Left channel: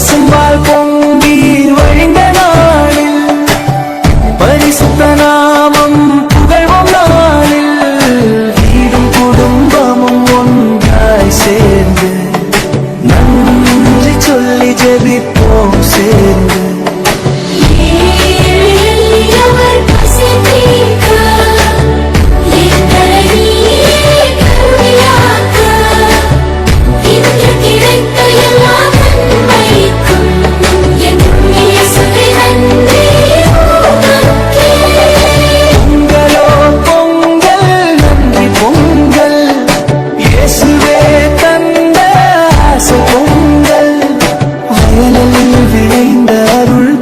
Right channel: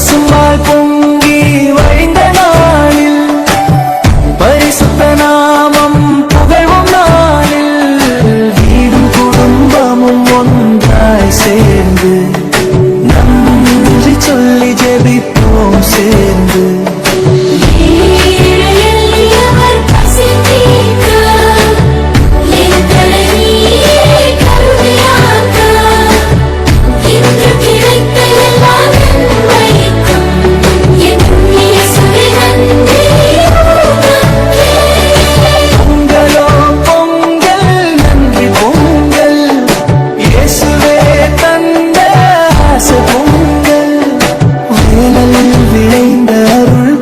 பசும்பால் பொங்கி வழிந்த நாளில் பரிசுத்த நாமம் புகழ்வோம் நாளில் வீடும் குடும்பமும் ஒன்றாய் சேர்ந்து நன்றி சொல்லி ஜெபிப்போம் சேர்ந்து. பொங்கல் இயேசுவே தந்த ஆசை பொங்கல் வயலில் விளைந்த அருள்